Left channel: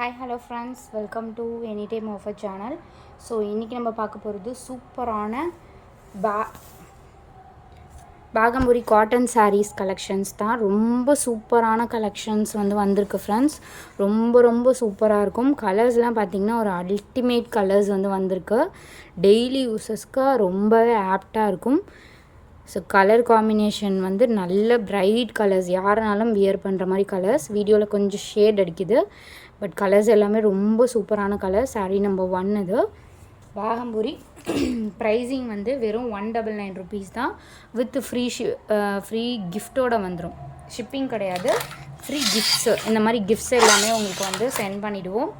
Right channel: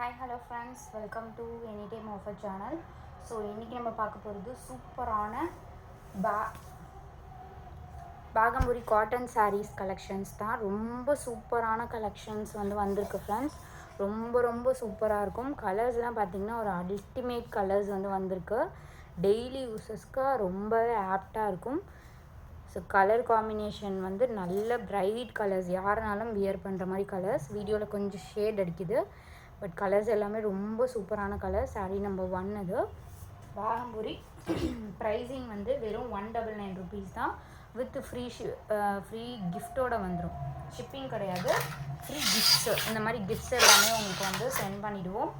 Hi hello friends, welcome to any time offer channel. So இன்றைக்கி நம்ம பார்க்க போகிறது சூப்பரான பாகம்புரி காட்டன் சாரீஸ் கலெக்ஷன்ஸ் தான். ரொம்ப சூப்பரான கலெக்ஷன்ஸ் வந்திருக்கு ஃப்ரெண்ட்ஸ். ரொம்ப சூப்பராக இருக்கும். கலர்ஸ்லாம் பார்த்திங்கன்னா ஒரு அல்டிமேட் கலர்ஸ் வந்திருக்கு. டெய்லி யூஸஸ்க்கு ரொம்பவே ஆப்டாக இருக்கும். ஸோ கலர் காம்பினேஷன் நல்ல பிரைட் கலர்ஸ், யாருனாலும் வியர் பண்ணுற மாதிரி கலர்ஸ். வீடியோவில் கொஞ்சம் ஷேட் அடிக்குது, பட் கலர்ஸ் எல்லாமே ரொம்ப சூப்பரான கலர். சாரீ நம்பர் 1 இது பாகம்புரி. ப்ரைஸிங் வெறும் 199 ருபீஸ் தான். வித் ஃப்ரீ கிஃப்டோடு வந்துடும். ஷிப்பிங் கிடையாது, ஃப்ரீ கிஃப்ட்ஸு. இந்த மாதிரி கிஃப்ட்ஸ் எல்லாமே உங்களுக்கு சென்ட் பண்ணிவிடுவோம்.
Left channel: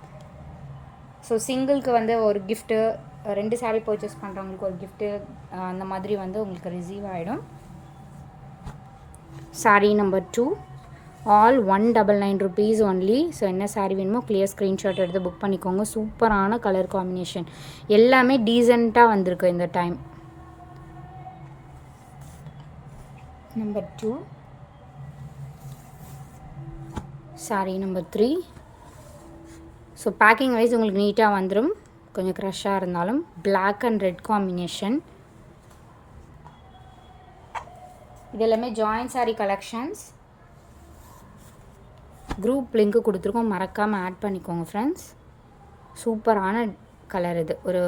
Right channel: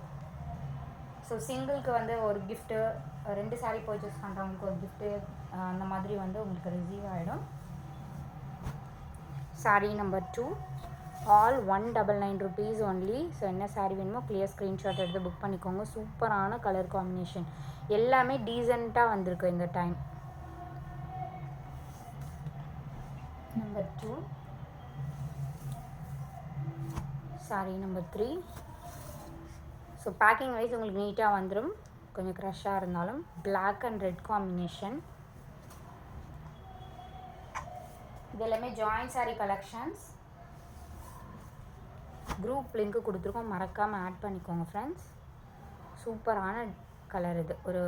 ஸோ சிங்கிளுக்கு ஒரு கிஃப்ட்டு, 2 சாரீ பர்ச்சேஸ் பண்ணுறவங்களுக்கு ஒரு கிஃப்ட்டு, அந்த மாதிரி உங்களுக்கு ரிசீவ் ஆகிடும். Sari number 2 all 199 rupees only. So என்ன சாரீ வேணுமோ கிளியர் ஸ்க்ரீன்ஷாட் எடுத்து புக் பண்ணிக்கோங்க. சூப்பரான கலர் காம்பினேஷன், எல்லாமே டீசெண்டாக வந்திருக்கு இந்த time. Number 2 sari number 3. So packing wise உங்களுக்கு நீட்டாக வந்துடும். கொஞ்சம் க்ரஷ்ஷாக இருந்தாலும் பிளாக் அண்ட் ரெட் காம்பினேஷன். இது எல்லாமே ஜாயின்ட் சாரீ கலெக்ஷன்ஸ். குரூப் லிங்க்கு கொடுத்துருக்கோம், மறக்காமல் ஆட் பண்ணிக்கோங்க ஃப்ரெண்ட்ஸ். சூப்பரான கலர் இது, ஒரு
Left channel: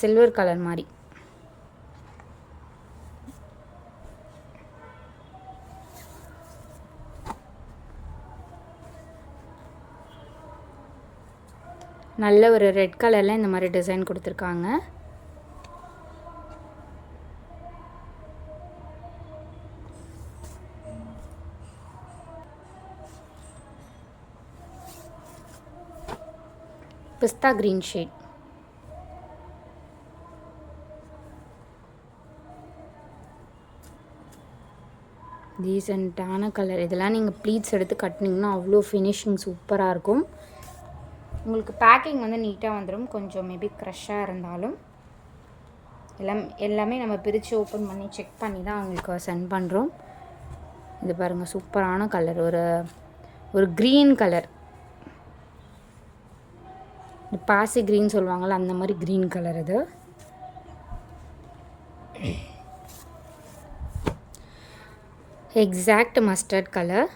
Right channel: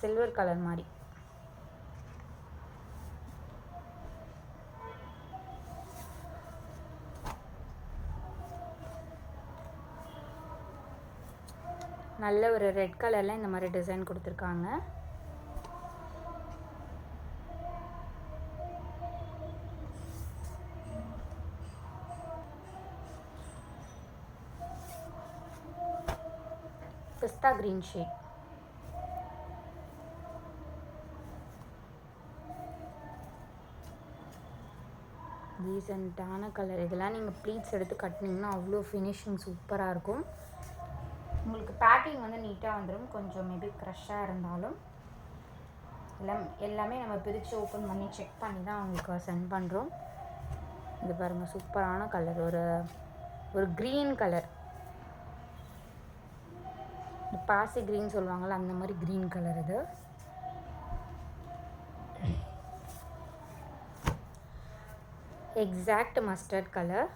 சில்வர் கலர் மாதிரி. நல்ல ஒரு ரெட் கலரில் இந்த மாதிரி டிசைன் கொடுத்துருக்காங்க. பிஸ்தா கிரீன் ஷேட். டீசெண்டான கலர். இதெல்லாம் நீங்கள் ப்ளீட்ஸ் எடுத்து கட்டினீங்கன்னா அவ்வளோ ஃபினிஷிங் சூப்பராக இருக்கும். உங்களுக்கு பேக்கிங் நீட்டாக வந்துடும். கொஞ்சம் மேபி க்ரஷ்ஷாக இருந்தாலும் எல்லாமே நம்ம பிரித்து ஓப்பன் பண்ணி செக் பண்ணி தான் அவங்களுக்கு சென்ட் பண்ணுறோம். இது பாருங்கள், சூப்பரான கலர், ஒரு க்ரீன் கலர். பாசி க்ரீன் சொல்லுவாங்கள்ல, அந்த மாதிரி க்ரீன் கலர் இது. Exact mustard colour.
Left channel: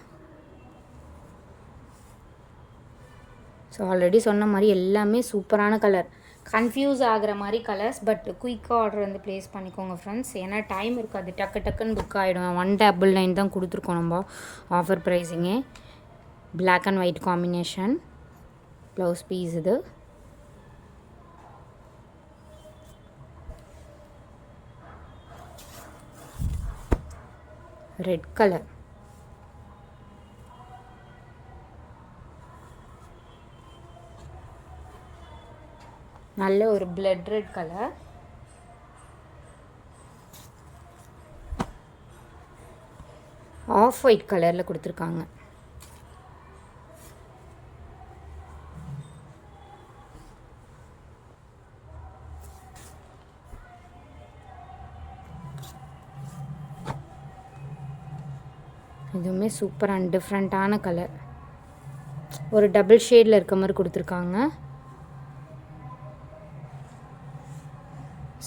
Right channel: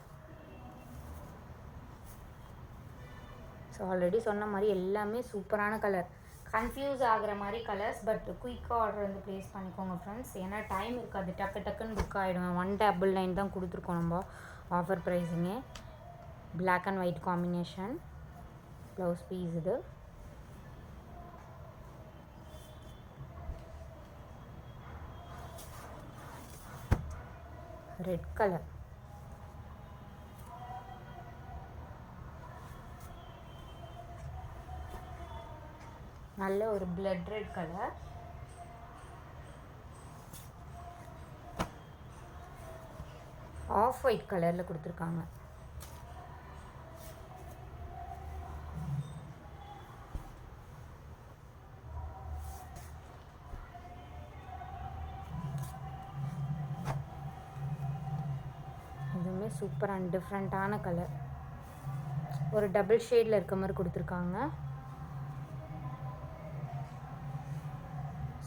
So already சொன்ன மாதிரி எல்லாமே சூப்பரான கலர். கன்ஃபியூஸ் ஆகிற மாதிரி கலர்ஸ், பட் குயிக்காக ஆர்டர் ப்ளேஸ் பண்ணிக்கோங்க ஃப்ரெண்ட்ஸ். ஏன்னா டைம் இருக்காது, டக்குன்னு புக் ஆகிடும். 199 தான் கொடுத்துருக்கோம் நம்ம ஆஃபர் ப்ரைஸிங்கே. Black and white combination blouse piece. இது ரெட் கலர். நல்ல ஒரு blood red colour. Off white கலரில் கொடுத்துருக்காங்க. இதுவுமே சூப்பர் அண்ட் டிஃப்ரெண்ட்டான கலர். ஒரு டபுள் ஷேடில் இருக்க மாதிரி கொடுத்துருக்காங்க.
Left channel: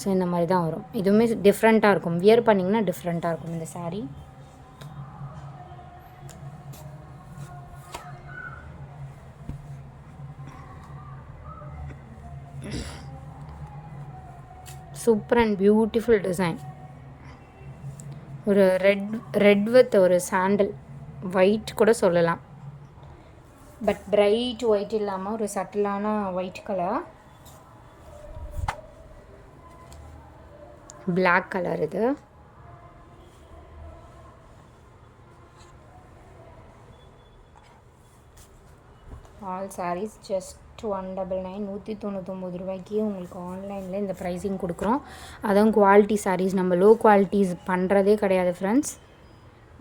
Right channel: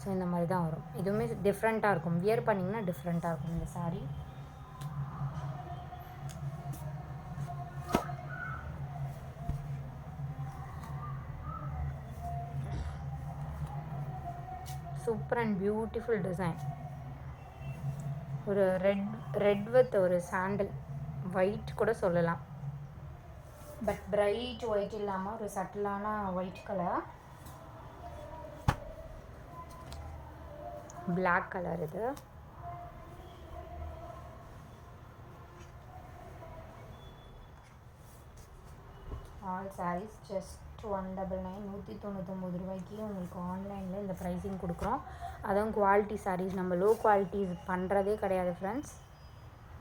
ஸோ இந்த மாதிரி தான் வரும். இதுவுமே டிஃப்ரெண்ட்டாக இருக்கும், வியர் பண்ணிங்கன்னா டிஃப்ரெண்ட்டாக இருக்கும் இந்த sari. Super and beautiful design. ஒரு ரெட் வித் ஒரு சாண்டல் ஒயிட் கூட சொல்லலாம், பட் பிரைட் ஒயிட் இல்லாமல் ஒரு சட்டிலான ஒயிட் கலர். Black colour. இது ஆல் சாரீஸ் ஜஸ்ட் 199 199 ரூபாய்க்கு உங்களுக்கு ஆன்லைனில் இந்த ப்ரைஸிங் கொடுக்குறோம். அதுவும் குவாலிட்டி சாரீஸ். நம்ம லோ குவாலிட்டிஸ் பண்ணுறதே கிடையாது ஃப்ரெண்ட்ஸ்.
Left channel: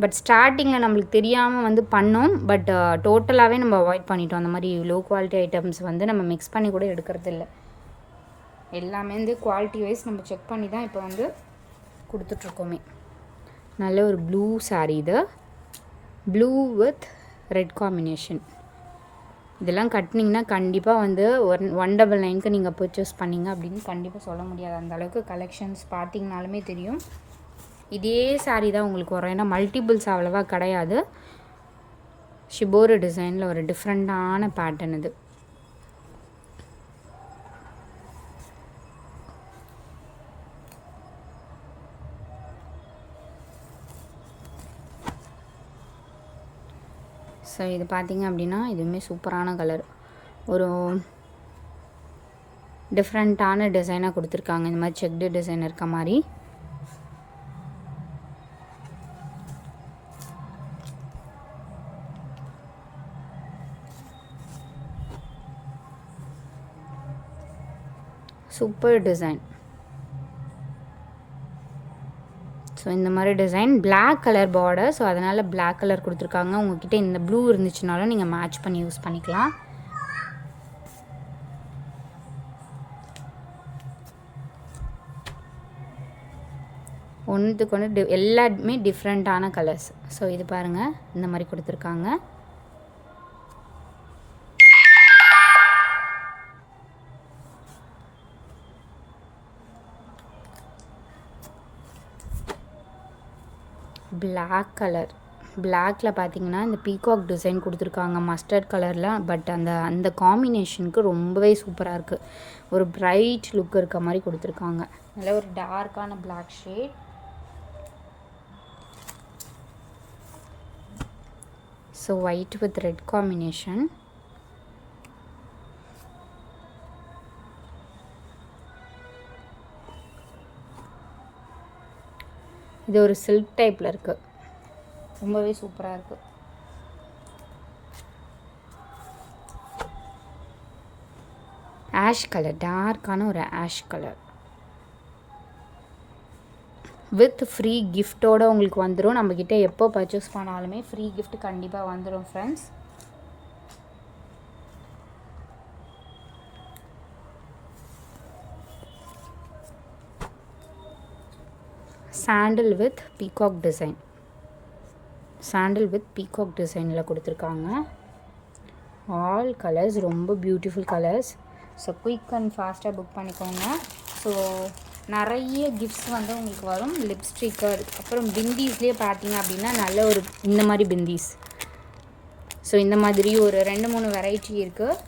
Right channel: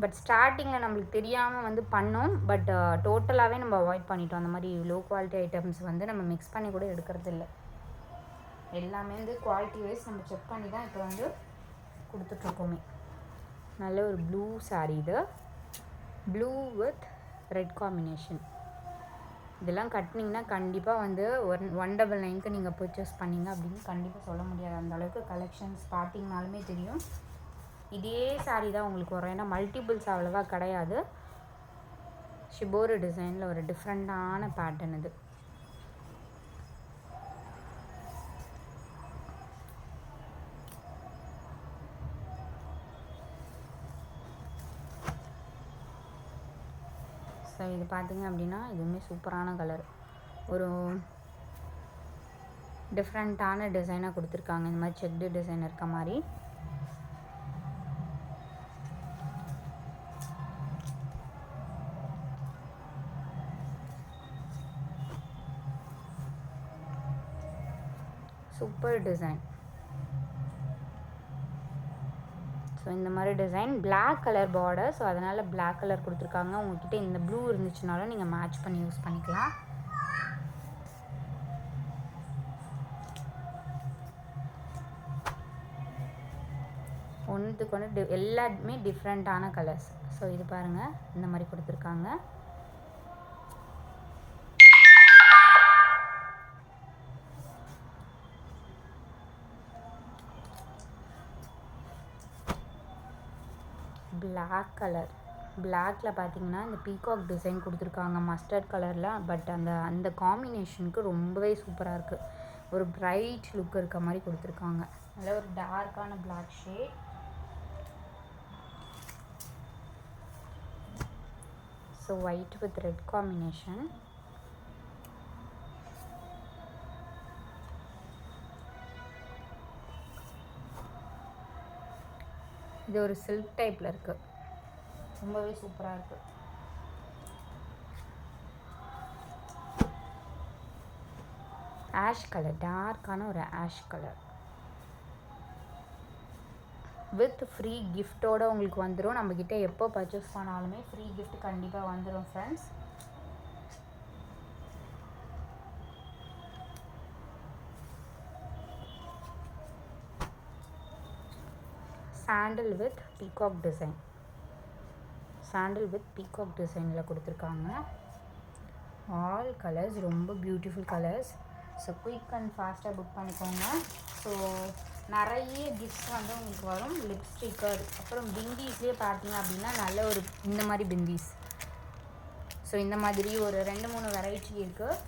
பட் ஸ்டார்டிங்கில் நம்மளுக்கு தெரியாமல் பண்ணோம், பட் டோட்டலாகவே நம்ம அவாய்ட் பண்ணிட்டோம். அந்த மாதிரி லோ குவாலிட்டி ஐட்டம்ஸ் நம்ம மிக்ஸ் பண்ணி கூட எடுக்கிறது இல்லை. எல்லாமே குவாலிட்டி வைஸ் நம்ம செக் பண்ணி தான் இப்போ கொடுத்துட்ருக்கோமே. நல்ல ஒரு ப்ளூ சாரீ. இது ப்ளூ வித் ரெட் காம்பினேஷன். இதெல்லாம் கட்டினீங்கன்னா கண்டிப்பாக வந்து 199க்கு நீங்கள் பர்ச்சேஸ் பண்ணிங்க அப்படின்னு கண்டிப்பாக சொல்ல முடியாது. அந்தளவுக்கு கலெக்ஷன்ஸ் பார்த்தீங்கனாலுமே தெரியும். இதே சாரீ தான் உங்களுக்கு வரும். ஏன்னா மல்டிபிள்ஸ் அவ்வளோவா கிடையாது. ஷிபோரு டிசைனில் ஒரு டிஃப்ரெண்ட்டான பேட்டர்ன் இது. ஸோ இது பார்த்திங்க அப்படின்னா இதுவுமே சூப்பரான கலர். ஒரு டிஃப்ரெண்ட்டான டிசைனாக கொடுத்துருக்காங்க. இந்த மாதிரி செக்டு டிசைன் இருக்க மாதிரி. Super design. ஸோ இந்த மாதிரி design black colour border. So அதனால் பிளாக் கலர் கொடுத்துருக்காங்க. உங்கள்கிட்ட இந்த ப்ளூ இருந்துச்சுனாலும் நீங்கள் மேட்ச் பண்ணி யூஸ் பண்ணிக்கலாம். ஒன்றுத்துக்கு ஒன்று எல்லாமே டிஃப்ரெண்ட்டான கலர்ஸ். ஸோ இது பாருங்கள், இந்த மாதிரி கொடுத்துருக்காங்க. Black colour. பிளாக்ல பார்த்தீங்கன்னா இந்த பீகாக் டிசைன் கொடுத்துருக்காங்க மஸ்டர்ட் கலரில். பட் அந்த காம்பினேஷனுக்கு ரொம்பவே சூப்பராக இருக்குது. ஒரு பிரைட் லுக் இருக்க மாதிரி கொடுத்துருக்காங்க. நல்ல ஒரு டார்க்கான black shade. So white with red combination. இது ஒரு சில்க் டைப்பில் இருக்குது. ரொம்பவே சூப்பராக இருக்குது. ஆஷ் கலர், டார்க்கான ஒரு ஆஷ் கலர் வித் ஃப்ரீ கிஃப்டோடு உங்களுக்கு வந்துடும். நம்மக்கிட்ட எப்போ பர்ச்சேஸ் பண்ணாலுமே ஃப்ரீ கிஃப்ட் கண்டிப்பாக வந்துடும் friends. Sandal with peacock design. Sandal with peacock டிசைனில் கொடுத்துருக்காங்க. ஆல் கலர்ஸ் ரொம்ப beautiful colours. So quick and ஃபாஸ்ட்டாக புக் பண்ணிக்கோங்க. ஸோ நிறைய கிஃப்ட்ஸ் வந்து உங்களுக்கு வரும். லிப்ஸ்டிக்கர், அப்புறம் பிந்தீஸ்லேயே பார்த்தீங்க அப்படின்னா நல்ல ஒரு இந்த மாதிரி பிந்தீஸ். ஸோ இந்த மாதிரி ஒரு 2-3 வெரைட்டி இருக்குது.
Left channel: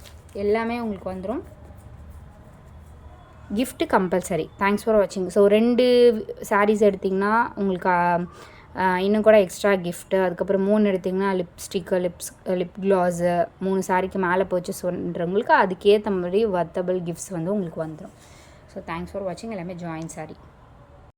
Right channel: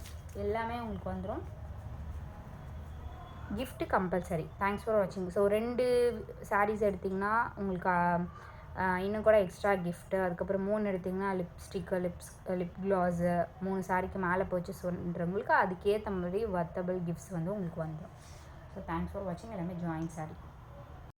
எல்லாமே உங்களுக்கு வந்துடும். gift compulsory. தேங்க்ஸ் ஃபார் வாட்சிங். ஸோ 2 சாரீஸ் எடுத்திங்கன்னா உங்களுக்கு இன்னும் கூட எக்ஸ்ட்ரா கிஃப்ட்டு. அதுக்கப்புறம் 3 எடுத்திங்கன்னா லிப்ஸ்டிக்கு, லிப் க்ளாஸு, 3 சாரீக்கு மேலே பர்ச்சேஸ் பண்ணுறவங்களுக்கு அதுக்கேற்ற மாதிரி வர்த்தபிள் கிஃப்ட்ஸ் வந்து உங்களுக்கு வந்துடும். ஸோ தேங்க்ஸ் ஃபார் வாட்சிங். எல்லாமே ஜாயின் சாரீ.